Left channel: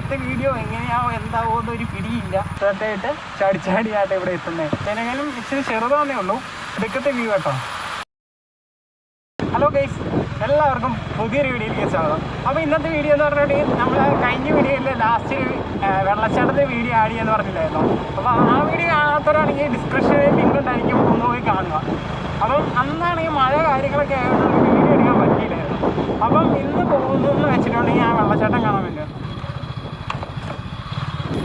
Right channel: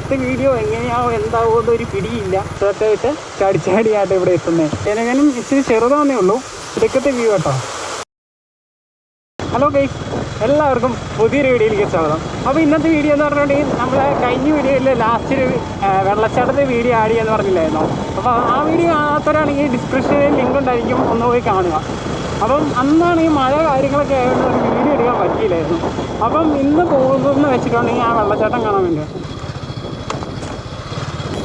ഇന്നത്തെ വീഡിയോ എങ്ങനെയാവും എന്താവോ എന്നൊരു പിടിയില്ല. തീർച്ചയായിട്ട് ചാടിച്ചാടിയായിട്ട് ഇവിടെ എത്തുന്നത്. ഏതെങ്കിലും ഇച്ചിരി ചെറുതാന്നേ ഉള്ളൂ. ഇടുക്കത്തെ വ്യൂ കേട്ടോ. ഹലോ ഗൈസ്, എല്ലാവർക്കും പുതിയൊരു വീഡിയോയിലേക്ക് സ്വാഗതം. അപ്പോൾ ഇന്നത്തെ വീഡിയോ എന്ന് പറഞ്ഞിട്ടുണ്ടെങ്കിൽ നമ്മളെ കഴിഞ്ഞ വീഡിയോയിൽ ലാസ്റ്റ് ഒരു വെള്ളച്ചാട്ടത്തെ വീഡിയോ ആഡ് ചെയ്യാന്ന് പറഞ്ഞില്ലായിരുന്നോ? അപ്പോൾ ആ വീഡിയോ കാണാത്തവരാണെങ്കിൽ ഡിസ്ക്രിപ്ഷനിൽ ലിങ്ക് ഉണ്ടായിരിക്കും, ഒന്ന് പോയി കാണുക. അപ്പം അന്നാണ് ഈ മഴ കാര്യങ്ങളൊക്കെ ആയതുകൊണ്ട് നമുക്ക് വീഡിയോ എടുക്കാൻ പറ്റിയില്ലായിരുന്നു. അപ്പം ഇന്ന് പോകുന്നതെന്ന് വെച്ചിട്ടുണ്ടെങ്കിൽ ആ വെള്ളച്ചാട്ടം കാണാൻ വേണ്ടിയാണ്.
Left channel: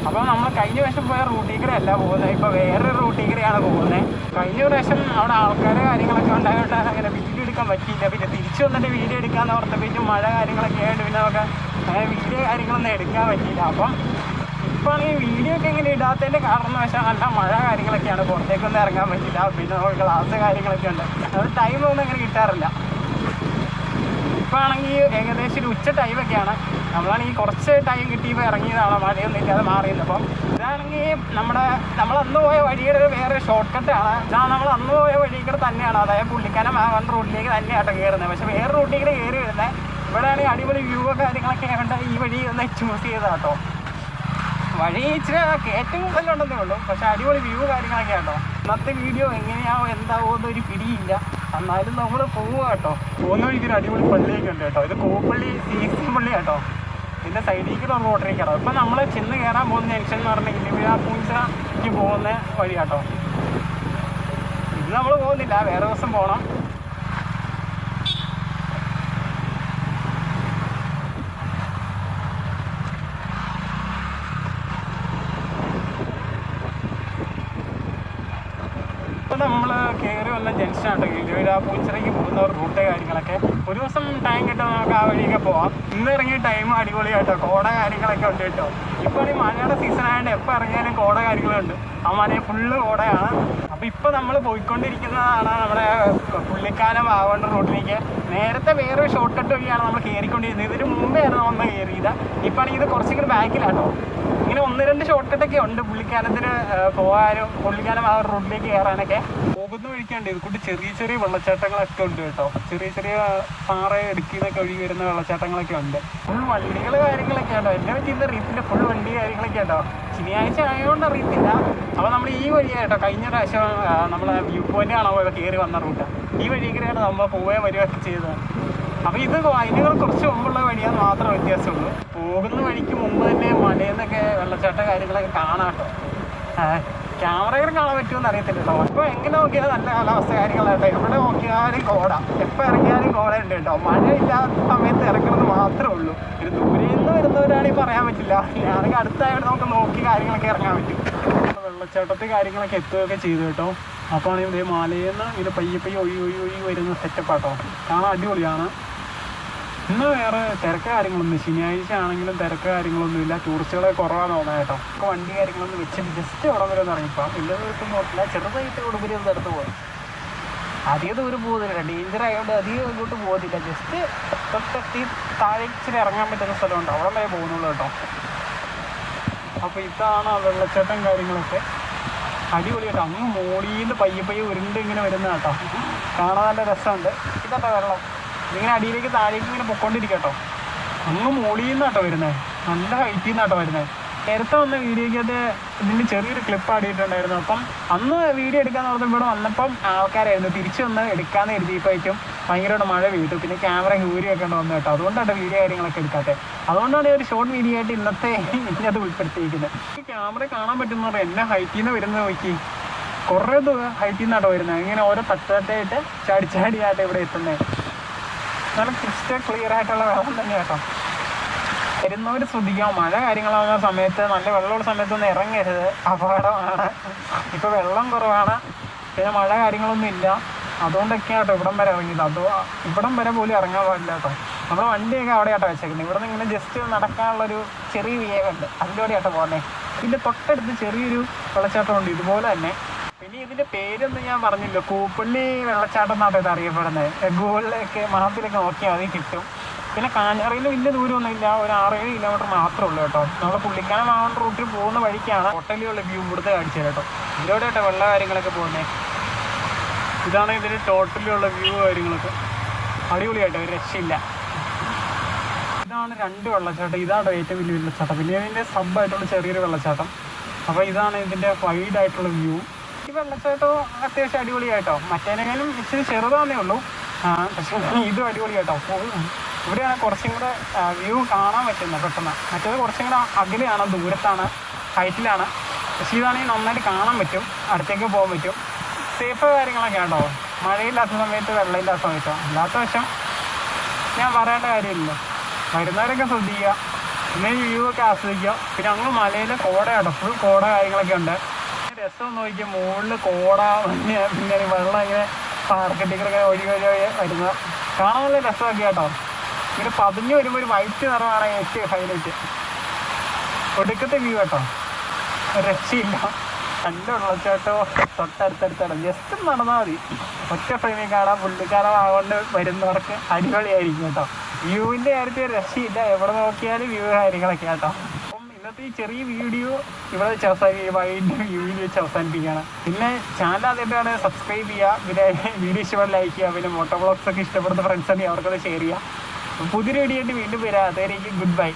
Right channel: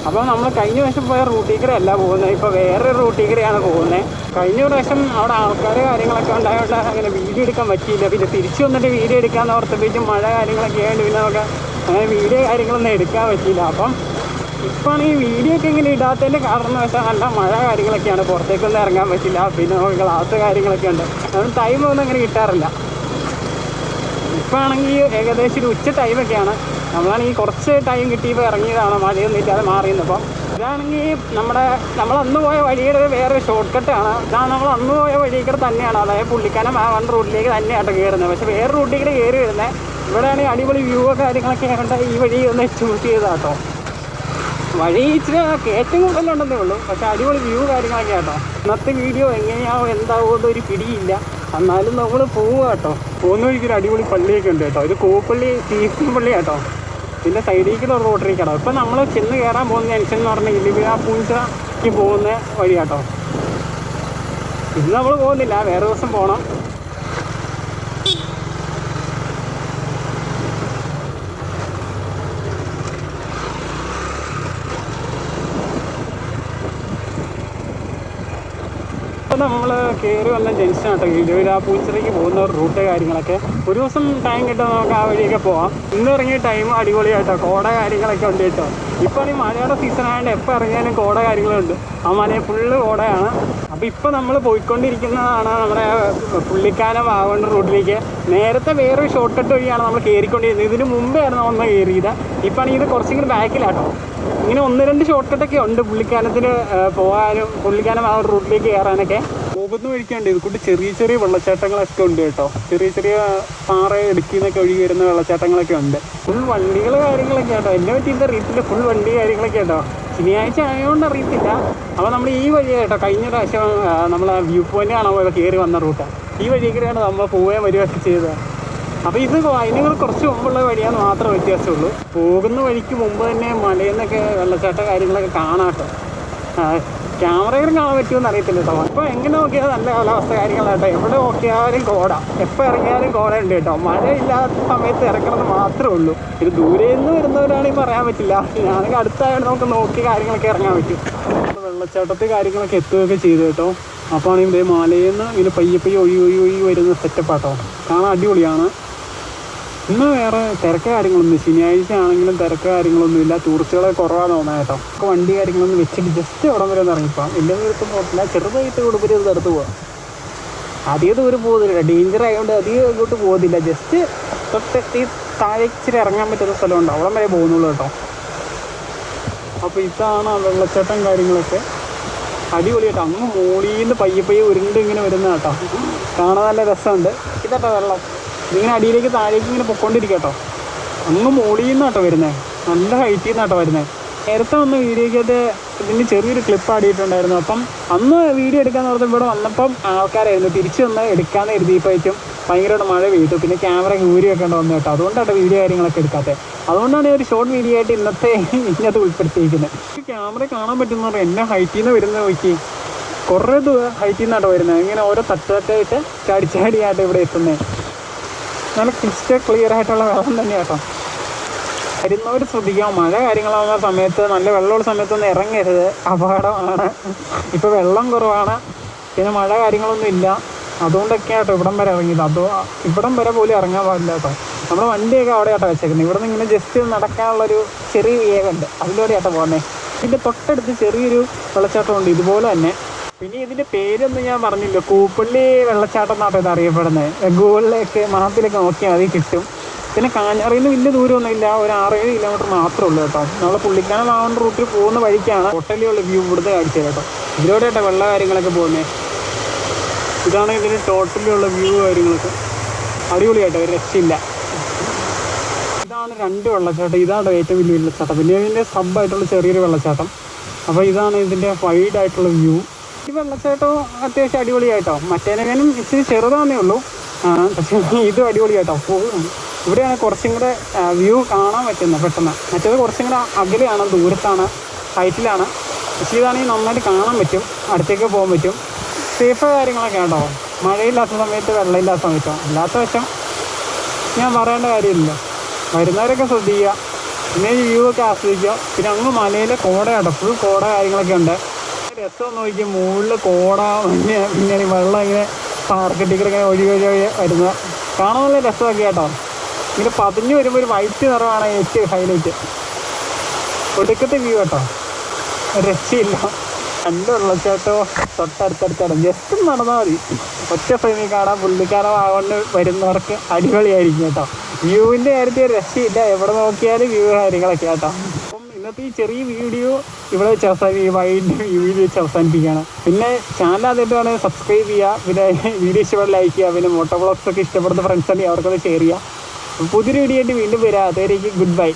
അപ്പോൾ നമ്മൾ കഴിഞ്ഞ പ്രാവശ്യം പോയ റൂട്ടിൽ പോകുന്നത്, ഇപ്പോൾ വേറൊരു റൂട്ടിൽ പോകുന്നത്. കഴിഞ്ഞ പ്രാവശ്യം അവിടെ ആൾക്കാർ കാര്യങ്ങളൊക്കെ ഉണ്ടായതുകൊണ്ട് അങ്ങനെ വീഡിയോ എടുക്കാൻ പറ്റിയില്ല. പിന്നെ തിരിച്ചു വന്നിട്ട് വീഡിയോ എടുക്കാമെന്ന് ഓർത്തപ്പോഴേക്കും മഴ കാര്യങ്ങളൊക്കെ ആയതുകൊണ്ട് പിന്നെ നമുക്ക് അങ്ങനെ വീഡിയോ കാര്യങ്ങളൊന്നും എടുക്കാൻ പറ്റിയില്ല. അപ്പം ഇപ്പോഴാണ് ഈ വീഡിയോ ഒക്കെ ഇങ്ങനെ ഇടാത്തതിൻ്റെ കാരണം വെച്ചാൽ നല്ല മഴ കാര്യങ്ങളൊക്കെയാണ്, പുറത്തേക്കൊന്നും ഇറങ്ങാൻ പറ്റില്ല. പിന്നെ നമുക്ക് ക്ലാസ് കാര്യങ്ങളൊക്കെ ഉണ്ട്, അതുകൊണ്ട് ടൈമൊന്നും അങ്ങനെ കിട്ടാറില്ല. ഇപ്പോൾ ആണെങ്കിൽ ഏകദേശം ഒരു ഉച്ച ടൈമൊക്കെയാണ്. നമ്മളാണെങ്കിൽ കുറച്ച് ടൈം കിട്ടിയപ്പോൾ ഇറങ്ങിയതാണ്, മഴയൊന്നും ഇല്ലാതെ മാറിയത്. അപ്പം ഇതാണെങ്കിൽ നമ്മൾ അന്ന് പോയ വഴിയുടെ വേറൊരു ഷോർട്ട് കട്ടാണ്. ഇതാണ് നമ്മൾ അന്ന് പോയ വഴിയിൽ തന്നെയാണ്, അതായത് പുള്ളിക്കാനം ആ വൺ റോഡിലേക്ക് തന്നെയാട്ടോ കയറുന്നത്. പക്ഷേ വേറെ റൂട്ടിൽ കയറി വരുന്നത്. ഇവിടെയാണെങ്കിൽ അടിപൊളി വ്യൂ കാര്യങ്ങളൊക്കെ ആയതുകൊണ്ട് ഈ വഴി ഒന്ന് ചൂസ് ചെയ്താട്ടോ. വഴി ഇച്ചിരി കയറ്റം കൂടുതലുണ്ടെന്നേ ഉള്ളൂ, പക്ഷേ അടിപൊളി വ്യൂ കാര്യങ്ങളൊക്കെ ആട്ടോ. ഇന്നത്തെ വീഡിയോ എങ്ങനെയാവും എന്താവോ എന്നൊരു പിടിയില്ല. എന്നാലും നമ്മൾ പോവുക കേട്ടോ. പോകുന്ന വഴിക്കൊരു അടിപൊളി പള്ളിയൊക്കെ ഉണ്ട് കേട്ടോ. ഇത് കൂപ്പള്ളി സീസൺ പള്ളി കേട്ടോ. പിന്നെ സൈഡിലേക്കുള്ള റോട്ടറിക്കാണോ. ഇപ്പം നമ്മൾ ചെന്ന് കയറാൻ പോകുന്ന ജംഗ്ഷൻ എന്ന് പറഞ്ഞാൽ ഇലിവിഴ പൂഞ്ചയ്ക്ക് പോകുന്ന വഴി കേട്ടോ. ഇന്ന് നമ്മൾ പോകുന്നില്ല, വേറെ ദിവസം പോകണം. അപ്പോൾ നമ്മൾ കയറി വന്ന ജംഗ്ഷൻ കേട്ടോ, ഇലിവിഴ പൂഞ്ചിറയ്ക്ക് പോകുന്ന റൂട്ട് കാര്യങ്ങളൊക്കെ. ഒരു ദിവസം ടൈം കിട്ടുമ്പോൾ നമുക്ക് ആ വഴിയൊക്കെ പോവാം. ഇന്ന് ഇറങ്ങിയ ടൈം അടിപൊളിയായിട്ടോ, കോട കാര്യങ്ങളൊക്കെ ഉണ്ട് കേട്ടോ. ഇപ്പോൾ ഈ മഴയുടെ സീസൺ ആയതുകൊണ്ട് എപ്പോൾ ഇറങ്ങിയാലും കോട കാര്യങ്ങളുണ്ട്. ആ മലയിൽ ഫുള്ള് കോടയാണ്. അപ്പോൾ ഇപ്പോൾ നമ്മൾ പോയിക്കൊണ്ടിരിക്കുന്നതാണ് നമ്മുടെ പുള്ളിക്കാനം ആവേണ്ട റൂട്ടിലേക്ക്. നേരത്തെ വേറൊരു ഷോർട്ട് കട്ട് വഴിയാണ് നമ്മൾ കയറിക്കൊണ്ടിരുന്നത്. ഇതിന് മുമ്പെയാണ് നമ്മൾ കയറിയത്. ഇപ്പോൾ ആണെങ്കിൽ ഇത് കുറച്ചും കൂടി ബാക്കിലാട്ടോ. ഇങ്ങനെ 1-2 ഷോർട്ട് കട്ടൊക്കെ ഉണ്ട് പുള്ളിക്കാനത്തിന് പോകാനും, പുള്ളിക്കാനം ആ ഒരു റൂട്ടിലേക്ക് കയറാനൊക്കെ. പോകുന്ന വഴിക്കുണ്ട് ഇത് കൂടി ചെറിയ ചെറിയ വെള്ളച്ചാട്ടങ്ങളൊക്കെ ഉണ്ട് കേട്ടോ. ചെറിയ ചെറിയ പാറ ഇടുക്കിന്നൊക്കെ ഒഴുകി വരുന്ന വെള്ളച്ചാട്ടങ്ങളൊക്കെ ഉണ്ട്. ഫുൾ വണ്ടികൾ കാര്യങ്ങളൊക്കെ കേട്ടോ. എന്നെ പറ്റിയിട്ട് അറിയത്തില്ല, ഫുൾ വണ്ടി കാര്യങ്ങളൊക്കെ കേട്ടോ. ശനിയാഴ്ച ആയതുകൊണ്ട് അറിയത്തില്ല. അപ്പോൾ നമ്മൾ ഈ വഴിയാണ് കേട്ടോ. കഴിഞ്ഞ പ്രാവശ്യം നമ്മളെ വ്യൂ പോയിന്റ് കാണാൻ കയറി വന്ന റൂട്ടാണ്. ഈ വഴിയൊക്കെയാണ് നമ്മൾ പോവുകയും വരികയൊക്കെ ചെയ്തത്. അപ്പോൾ ഇത് അതിനുകൾ കുറച്ച് മുമ്പുള്ള വഴിയാന്ന് മാത്രം വ്യത്യാസമുള്ളൂ. പോകുന്ന വഴിക്ക് മുമ്പ് തന്നെ മലയിൽ നിന്നൊക്കെ വെള്ളച്ചാട്ട കാര്യങ്ങളൊക്കെ കാണാം കേട്ടോ. ക്യാമറയിൽ കാണാൻ പറ്റുമെന്ന് അറിയത്തില്ല കേട്ടോ. അപ്പോൾ എങ്ങനെ നോക്കിയാൽ നല്ല കാലാവസ്ഥ കാര്യങ്ങളാട്ടോ. എവിടെ നോക്കിയാലും കോട, എപ്പോൾ ഇറങ്ങിയാലും കോട ഉണ്ട് കേട്ടോ. മഴയില്ലാത്ത സമയത്ത് ഇറങ്ങണമെന്ന് മാത്രമേ ഉള്ളൂ. ഒരു ദൂരെ നിന്ന് വരുന്നവരാണെങ്കിൽ പറയാൻ പറ്റില്ല. ഞാനൊക്കെ അടുത്തായതുകൊണ്ട് നമുക്ക് നോക്കി കാര്യങ്ങളൊക്കെ ഇറങ്ങാൻ പറ്റും. വെള്ളച്ചാട്ടത്തെ കാര്യങ്ങളൊക്കെ എത്തുകയൊക്കെ ചെയ്തു കേട്ടോ. അപ്പോൾ ആണെങ്കിൽ ഇതേ മലയിൽ നിന്ന് ഇങ്ങനെ പയ്യെ ഒഴുകി വരുന്ന സെറ്റപ്പാട്ടോ. കാണാൻ അടിപൊളിയാണ്. ഇന്ന് വേറെ തിരക്ക് കാര്യങ്ങളൊന്നും, ശനിയാഴ്ച ആണെങ്കിലും തിരക്ക് കാര്യങ്ങളൊന്നും ഇല്ല. ടൂറിസ്റ്റുകളെ കുറവാന്ന് തോന്നുന്നത് കേട്ടോ. അപ്പോൾ വണ്ടി കാര്യങ്ങളൊന്നും വെച്ചിട്ട് ജസ്റ്റ് അവിടെ വരെ ഒന്ന് ഇറങ്ങിപ്പോകാം. വലിയ ദൂരത്ത് പോകത്തില്ല, ചെറുതായിട്ട് കൊടുപ്പരി ഒന്ന് എടുത്ത് പോകാം. അധികം ദൂരം പോകുന്നില്ല, ഡേഞ്ചർ ആയതുകൊണ്ട് അധികം ഇങ്ങോട്ട് പോകുന്നില്ല. ജസ്റ്റ് തൊട്ട് താഴേക്ക് ഇച്ചിരി ഇറങ്ങാൻ പറ്റുന്ന സ്ഥലമുണ്ട്, അവിടെ വരെ പോകുന്നുള്ളൂ കേട്ടോ. അപ്പോൾ ഇതാണ് ആ വെള്ളച്ചാട്ടം കാര്യങ്ങളൊക്കെ. അടിപൊളി കേട്ടോ. അങ്ങ് മൂളിന്ന് പയ്യെ ഉരുണ്ട് ഇങ്ങനെ വരുന്ന കേട്ടോ. കാണാൻ നല്ല രസമുണ്ട്. ഇതട്ടോ വെള്ളം ഇതിങ്ങനെ അടിയിലേക്ക് താഴേക്ക് ഇങ്ങനെ പൊക്കോണ്ടിരിക്കും കേട്ടോ. അങ്ങ് മോളിന്ന് കേട്ടോ വരുന്നത്, നല്ല ഹൈറ്റിൽ നിന്നാട്ടോ വരുന്നത്. നേരത്തെ വന്ന വീഡിയോക്കകത്ത് ഇതിൻ്റെ ചെറിയൊരു ക്ലിപ്പ് ആടിയിട്ടുണ്ടായിരുന്നു. അപ്പം അന്ന് വീഡിയോ എടുക്കാമെന്ന് ഓർത്ത് ഇവിടെ വന്നപ്പം ആൾക്കാരായിരുന്നു. തിരിച്ചു വന്ന് എടുക്കാമെന്ന് എഴുതിയപ്പോഴേക്കും ഭയങ്കരമായിട്ട് മഴ പെയ്തു. പിന്നെ ക്യാമറ ഊരി വെക്കേണ്ട വന്നു കേട്ടോ. അതുകൊണ്ടാണ് വീഡിയോ കാര്യങ്ങളൊക്കെ എടുക്കാത്തത്. അതുകൊണ്ടാണ് ഒരു ഷോർട്ട് വീഡിയോ ആയിട്ട് ഇന്നത്തെ ഇതിനകത്ത് ഉൾപ്പെടുത്തിയിരിക്കുന്നത്. ഈ ക്യാമറ കാണാൻ പറ്റുന്ന പറഞ്ഞാൽ എന്നെ ഹൈറ്റിൽ നിന്ന് വരുന്നത് നോക്കി, കുറേ ഹൈറ്റിൽ നിന്നാട്ടോ വരുന്നത്. ഇങ്ങനെ ഓരോ തട്ടായിട്ട് ചാടിയായിട്ട് ഇവിടെ എത്തുന്നത്. നല്ല ക്ലിയർ ആയിട്ടുള്ള വെള്ളം തന്നെ കേട്ടോ. വരുന്നവർ ശ്രദ്ധിക്കാം, മഴ കാര്യങ്ങളാവുന്ന സമയത്ത്, നല്ല വെള്ളമുള്ള സമയത്തൊന്നും ഇറങ്ങരുത്, അപകടമാണ്. ഇപ്പോൾ വെള്ളം കുറവാണ്, പിന്നെ മഴ കാര്യങ്ങളൊന്നും ഇല്ല. അതുകൊണ്ടൊക്കെയാണ് കേട്ടോ ഇവിടം വരെ ഇറങ്ങിയത്. അതോ ഇവിടം വരെ പോലും ഇറങ്ങാൻ പാടില്ല കേട്ടോ. നമ്മുടെ വണ്ടിയൊക്കെ അവിടെ ആട്ടോ വെച്ചേക്കുന്നത്. ഇവിടെ നിന്ന് ഇങ്ങനെ ജസ്റ്റ് നടക്കാനുള്ളൊരു ചെറിയ വേഗമുണ്ട്, അതിലൂടെ ആട്ടോ പോകുന്നത്. ഇതിൻ്റെ തൊട്ടടുത്ത് ചെറിയൊരു വെള്ളച്ചാട്ടമുണ്ട് ഇതുപോലെ തന്നെ. പിന്നെ ഇതിൻ്റെ പേരൊന്നും ഞാൻ പറഞ്ഞില്ല, കൂപ്പള്ളി വെള്ളച്ചാട്ടം എന്നാട്ടോ ഇത് അറിയപ്പെടുന്നത്. ഗൂഗിളിലൊക്കെ മാപ്പിലൊക്കെ നോക്കിയാൽ മതി കിട്ടും. പിന്നെ കാഞ്ഞാറിൽ നിന്ന് വലിയ ദൂരമൊന്നും ഇല്ല, ഒരു 6-7 കിലോമീറ്റർ മാത്രമേ ഉള്ളൂ കേട്ടോ. നമ്മൾ പുള്ളിക്കാനം ആവുന്ന റൂട്ടിൽ പോകുന്ന വഴിക്കാണ് ടോട്ടലിയുള്ള വ്യൂ ഇവിടുത്തെ കാണിച്ചത് കേട്ടോ. ഇതിലൂടെ കേട്ടോ വെള്ള കാര്യങ്ങളൊക്കെ പോകുന്നത്. ഇതാണ് ഇതിന് ടോട്ടലിലുള്ള വ്യൂ കാര്യങ്ങളൊക്കെ. അടിപൊളിയായിട്ടോ, ഒരു രക്ഷയില്ല. ഇതാണ് ഇതാണ് 2 വെള്ളച്ചാട്ടം. ഇതാണ് ഏറ്റവും വലിയ വെള്ളച്ചാട്ടം. പിന്നെ ഇതിൻ്റെ സബായിട്ടുള്ള ചെറിയൊരു വെള്ളച്ചാട്ടം. അപ്പോൾ ഇതാണ് ഇതിൻ്റെ വൈഡായിട്ടുള്ള വ്യൂ. ഈ വെള്ളച്ചാട്ടവും അത്യാവശ്യം അടിപൊളിയായിട്ടോ. മറ്റേനേക്കാളും ഇച്ചിരി ചെറുതാന്നേ ഉള്ളൂ, പക്ഷേ ഇതും അടിപൊളിയായിട്ടോ. ഇവിടെയാണ് കുറച്ചും കൂടെ വ്യൂ കാണാൻ പറ്റുന്നത് പെട്ടെന്ന്. മറ്റേത് കുറച്ചും കൂടെ അകലെയാണ്, ദൂരത്താണ്, ഹൈറ്റിലാണ്. പക്ഷേ ഇതാണെങ്കിൽ നന്നായിട്ട് കാണാൻ പറ്റും, അടുത്തേക്ക് പോകാൻ പറ്റും. സേഫ് കാര്യങ്ങളൊക്കെ കേട്ടോ. മഴയില്ലാത്ത സമയത്ത്, വെള്ളമില്ലാത്ത സമയത്തോ. അല്ലാത്ത വശം ഞാൻ പറയേണ്ട കാര്യമില്ല. വരുന്നവരൊക്കെ ശ്രദ്ധിക്കുക, പിന്നെ ഈ വ്യൂ ഒക്കെ ആസ്വദിക്കുക. പിന്നെ അങ്ങ് മലയിൽ കോട കേട്ടോ, ഫുൾ കോട കാര്യങ്ങളൊക്കെ ഉണ്ട്. രസം നോക്കിയാൽ മുകളിൽ കോട, പിന്നെ വെള്ളം ഇങ്ങനെ പാർക്കെട്ടിക്കൂടെ ഇങ്ങനെ ഒഴി വരുന്ന കാണാൻ നല്ല രസമൊക്കെ കേട്ടോ. ഇങ്ങനെ പതിഞ്ഞ് വരുമ്പോൾ ഒരു വൈറ്റ് നിറമാണ് ഏറ്റവും ഹൈലൈറ്റ്. ഒടുക്കത്തെ വ്യൂ കേട്ടോ, രക്ഷയില്ല. നല്ല വെള്ളച്ചാട്ടോ തൊട്ടടുത്തടുത്താണ്. ജസ്റ്റ് നടന്നാൽ മതി, ഒറ്റ ഫ്രെയിമിൽ കാണാൻ. പുള്ളിക്കാരൻ ആകൊണ്ട് വരുന്നവർക്ക് അടിപൊളിയായിരിക്കും കേട്ടോ. വ്യൂവിൻ്റെ കാര്യത്തിൽ രക്ഷയില്ല, എവിടെ നോക്കിയാലും വ്യൂ കാര്യങ്ങളൊക്കെ കേട്ടോ. അപ്പം ഇന്നത്തെ ഈ ചെറിയ വീഡിയോ ഇവിടെ വെച്ച് ഈ വൈഡ് വീഡിയോ വെച്ച് അവസാനിപ്പിക്കുകയാണ്. പിന്നെ ചാനൽ ആദ്യമായിട്ടാണ് സബ്സ്ക്രൈബ് ചെയ്യുക, പിന്നെ വീഡിയോ ഇഷ്ടപ്പെട്ട് ലൈക്ക് ചെയ്യുക, പിന്നെ മോട്ടോ വ്ളോഗ്സ് ഒക്കെ ഇഷ്ടപ്പെടുന്ന ഫ്രണ്ട്സ് ഉണ്ടെങ്കിൽ അവർക്കൊന്ന് ഷെയർ ചെയ്യുക. പുതിയൊരു വീഡിയോ ആയിട്ട് വീണ്ടും വരാം. അതുവരേക്കും ഗുഡ് ബൈ.